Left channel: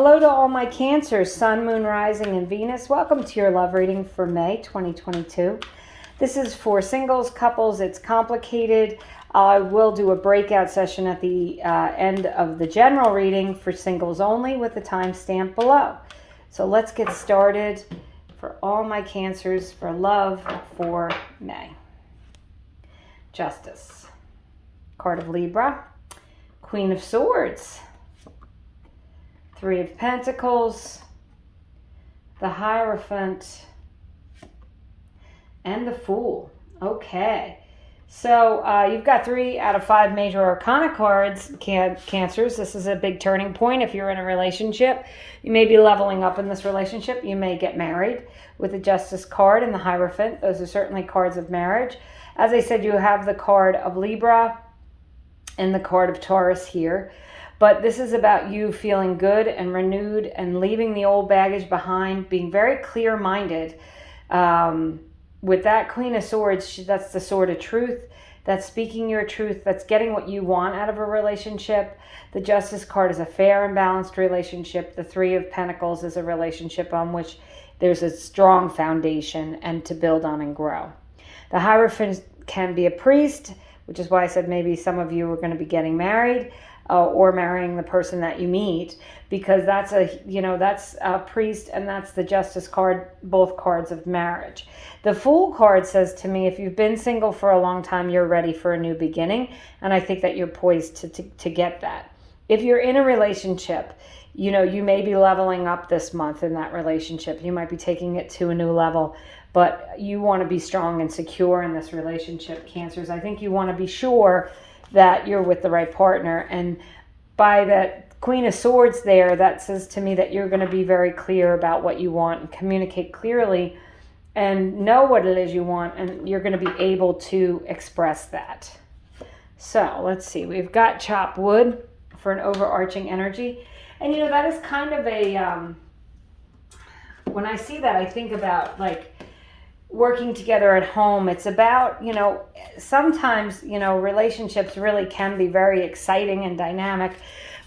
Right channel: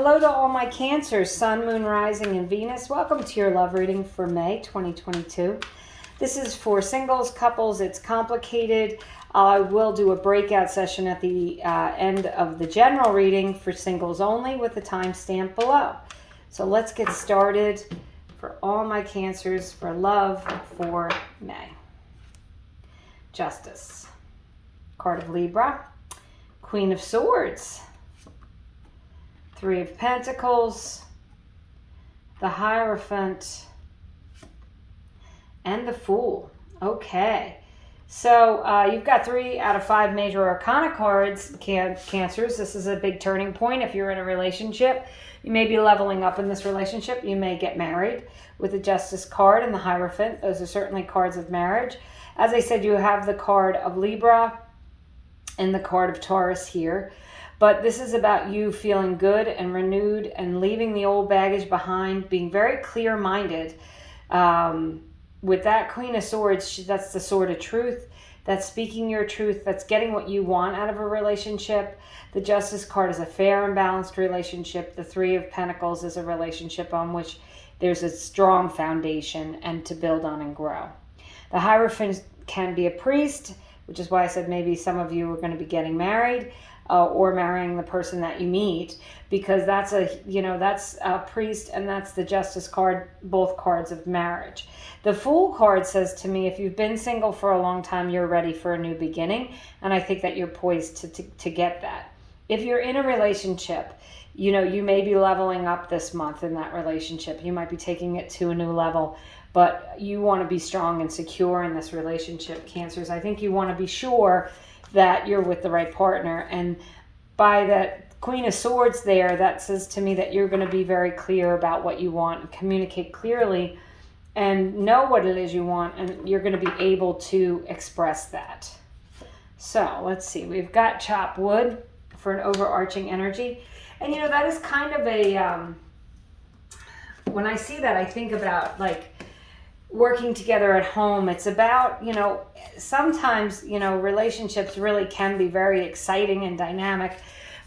Hello to all my Cancers, Sun, Moon, Rising, and Venus. Welcome to your love reading for May 2022. This is for singles, couples. It's complicated. I will do a breakout session at the end of the general reading for singles only with the timestamp below. So let's get started for all my Cancers for love for May. Justice. Card of Libra. Queen of Swords. Three of Pentacles, the Hierophant, and the Fool. Okay, so you've got 3 out of 5 major arcana cards, Cancers. This is a big turning point. If you're in a relationship, you may be leveling up in this relationship. You may get married with the Justice card and the Hierophant. Those are certainly cards of marriage. As I said, you have the card of Libra and the card of Taurus here. But this is about you feeling good and renewed and leaving the old baggage behind, being very clear-minded. With that Queen of Swords, that's the sword of truth. That's speaking your truth. That's getting what you want out of a relationship. The Justice card is a fair and balanced relationship. The Three of Pentacles is a relationship on which there's a strong foundation and to build on and grow. The Hierophant can be a priest, which is why I said maybe some of you are going to be getting married. Or marrying the person that you meet, because that's a priest, and that's the Justice card, both cards of marriage. The Fool card says to me, if you've been single for a long time, you're ready for a new beginning, and I think that you're poised to get that. If you're in a relationship, you may be leveling up this month in that relationship. You might be taking it to a new level, but you want to be strong and secure in this relationship, Cancers. I think you want to be sure that you're with the right partner. And by that Queen of Swords there, that says to me that you're going to be very clear about what you want and communicate clearly and know what it is you want, and you're going to be able to express that. So let's see, we've got chop wood for an overarching energy. And that is kind of a, when I see that, I think about like working together at home. It's about, sometimes, relationships really can be very exciting and dynamic,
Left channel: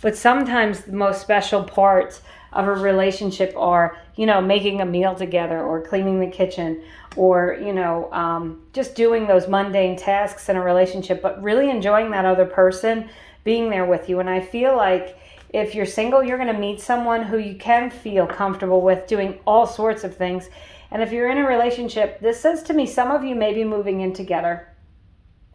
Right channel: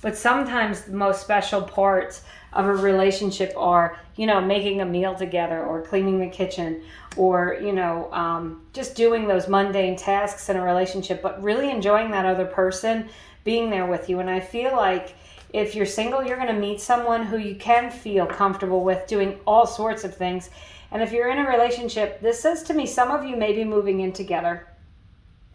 but sometimes the most special parts of a relationship are, making a meal together or cleaning the kitchen or, just doing those mundane tasks in a relationship, but really enjoying that other person being there with you. And I feel like if you're single, you're going to meet someone who you can feel comfortable with doing all sorts of things. And if you're in a relationship, this says to me, some of you may be moving in together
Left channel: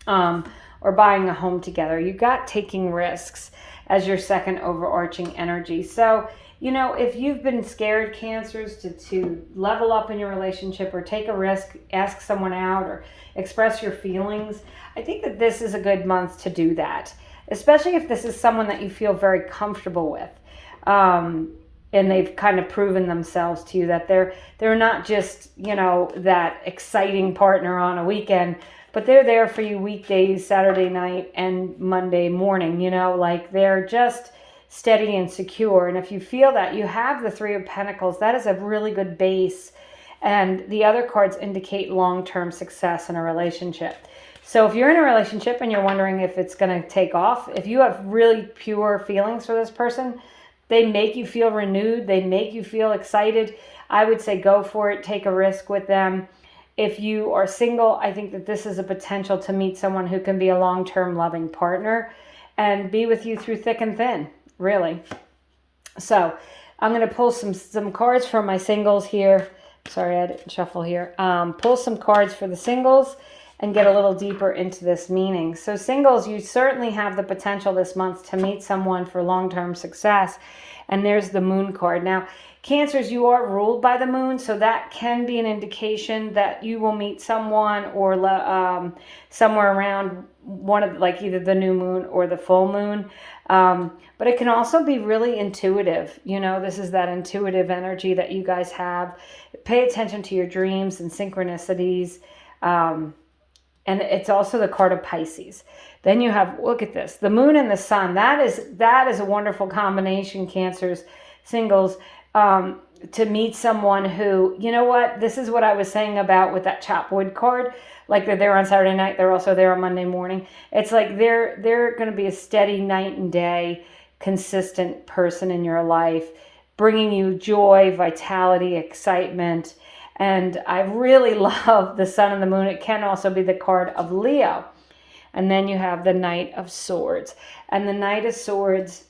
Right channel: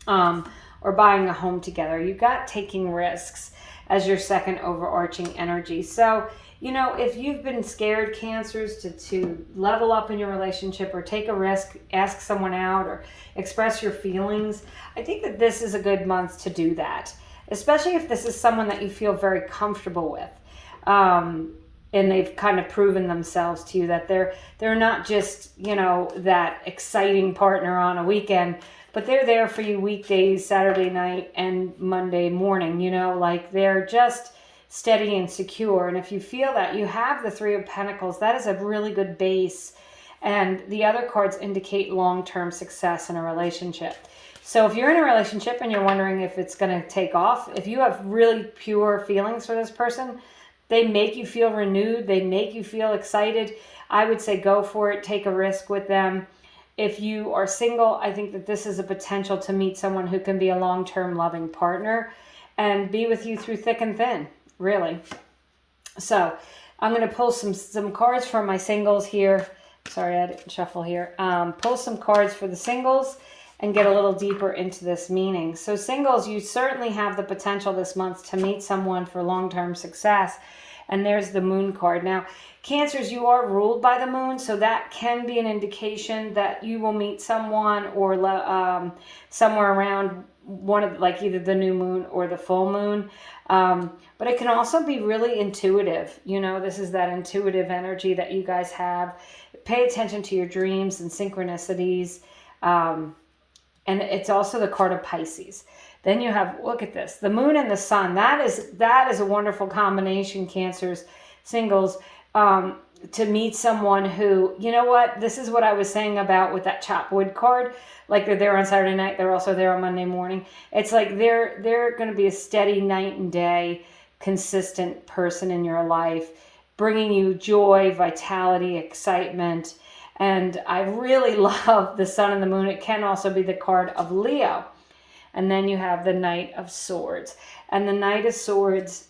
or buying a home together. You've got taking risks as your second overarching energy. So, if you've been scared, Cancers, to level up in your relationship or take a risk, ask someone out or express your feelings, I think that this is a good month to do that, especially if this is someone that you feel very comfortable with. And they've kind of proven themselves to you that they're not just, that exciting partner on a weekend, but they're there for you weekdays, Saturday night and Monday morning, like they're just steady and secure. And if you feel that, you have the Three of Pentacles, that is a really good base. And the other cards indicate long-term success in a relationship. So if you're in a relationship and you're wondering if it's going to take off, if you have really pure feelings for this person, they make you feel renewed, they make you feel excited, I would say go for it, take a risk with them. If you are single, I think that this is a potential to meet someone who can be a long-term loving partner and be with you through thick and thin, really. So I'm going to pull some cards for my singles here. Sorry, I didn't shuffle here. Pull some cards for the singles and get a little deeper into this meaning. So singles, you certainly have the potential this month to meet someone for long-term success. And there's the Moon card. Now, Cancers, you are ruled by the moon, so that can be an indication that you will meet someone or somewhere around one of, like, either the new moon or the full moon. But it can also be really intuitive. This is that intuitive energy that you guys have. Pay attention to your dreams and synchronicities. And it's also the card of Pisces. Then you have, look at this, the moon and the sun. That is a wonderful combination, Cancers, singles, to meet someone who, this is what I was saying about with that chop wood card. Like they're there on Saturday night, they're also there on Monday morning. It's like they're going to be a steady night and day, consistent person in your life. bringing you joy, vitality, excitement. And I really love the Sun and the Moon. It can also be the card of Leo. And then you have the Knight of Swords. And the Knight of Swords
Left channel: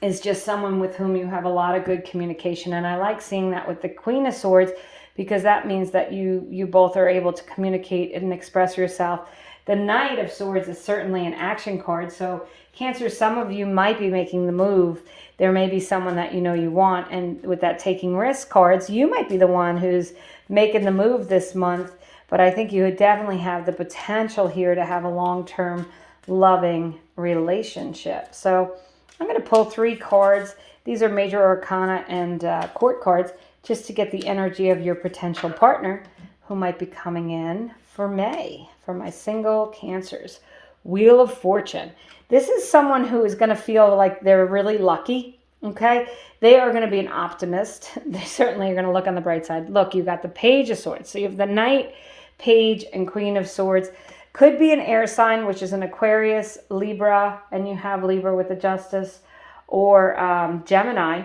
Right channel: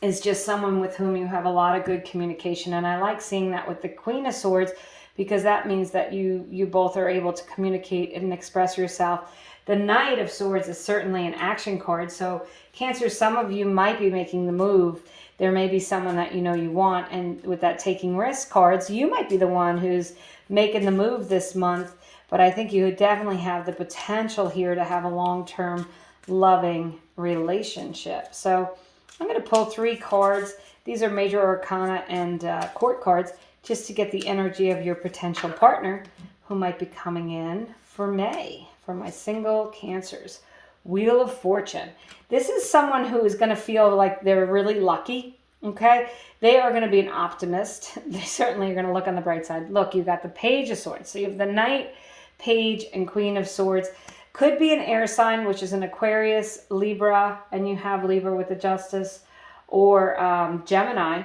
is just someone with whom you have a lot of good communication. And I like seeing that with the Queen of Swords, because that means that you both are able to communicate and express yourself. The Knight of Swords is certainly an action card. So Cancer, some of you might be making the move. There may be someone that you know you want. And with that taking risk cards, you might be the one who's making the move this month. But I think you would definitely have the potential here to have a long-term loving relationship. So I'm going to pull 3 cards. These are major arcana and court cards, just to get the energy of your potential partner who might be coming in for May, for my single Cancers. Wheel of Fortune. This is someone who is going to feel like they're really lucky, okay? They are going to be an optimist. They certainly are going to look on the bright side. Look, you got the Page of Swords. So you have the Knight, Page, and Queen of Swords. Could be an air sign, which is an Aquarius, Libra, and you have Libra with the Justice, or Gemini.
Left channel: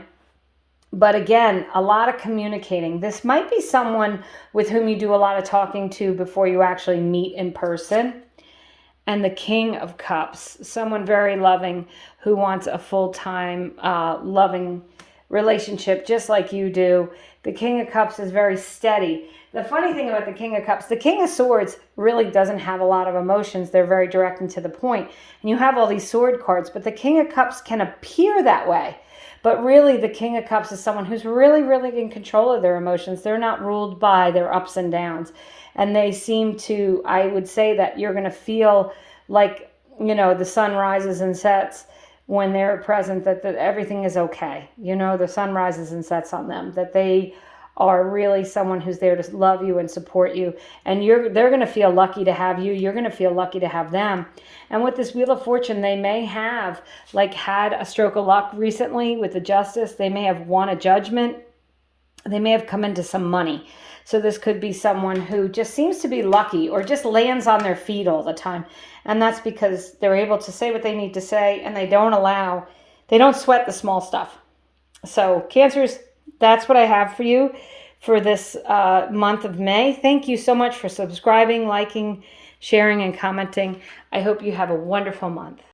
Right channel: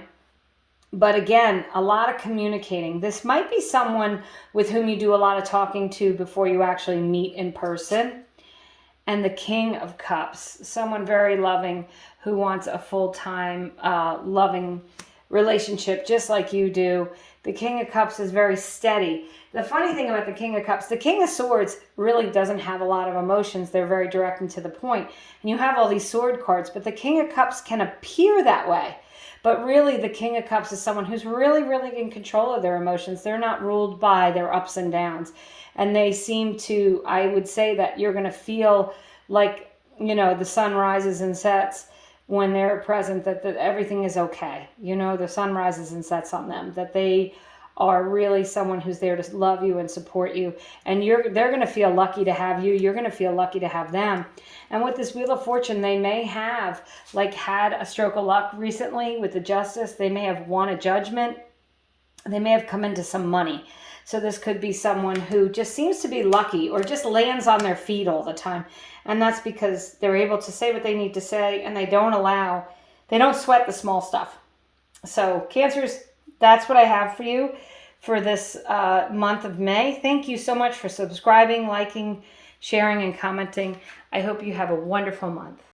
But again, a lot of communicating. This might be someone with whom you do a lot of talking to before you actually meet in person. And the King of Cups, someone very loving who wants a full-time loving relationship just like you do. The King of Cups is very steady. The funny thing about the King of Cups, the King of Swords really doesn't have a lot of emotions. They're very direct and to the point. And you have all these sword cards, but the King of Cups can appear that way. But really, the King of Cups is someone who's really, really in control of their emotions. They're not ruled by their ups and downs. And they seem to, I would say that you're going to feel like, you know, the sun rises and sets when they're present, that everything is okay. You know, the sun rises and sets on them, that they are really someone who's there to love you and support you. And they're going to feel lucky to have you. You're going to feel lucky to have them. And with this Wheel of Fortune, they may have had a stroke of luck recently with the Justice. They may have won a judgment. They may have come into some money. So this could be someone who just seems to be lucky or just lands on their feet all the time. And that's because they're able to say what they need to say, and they don't sweat the small stuff. So Cancers, that's what I have for you for this month of May. Thank you so much for subscribing, liking, sharing, and commenting. I hope you have a wonderful month.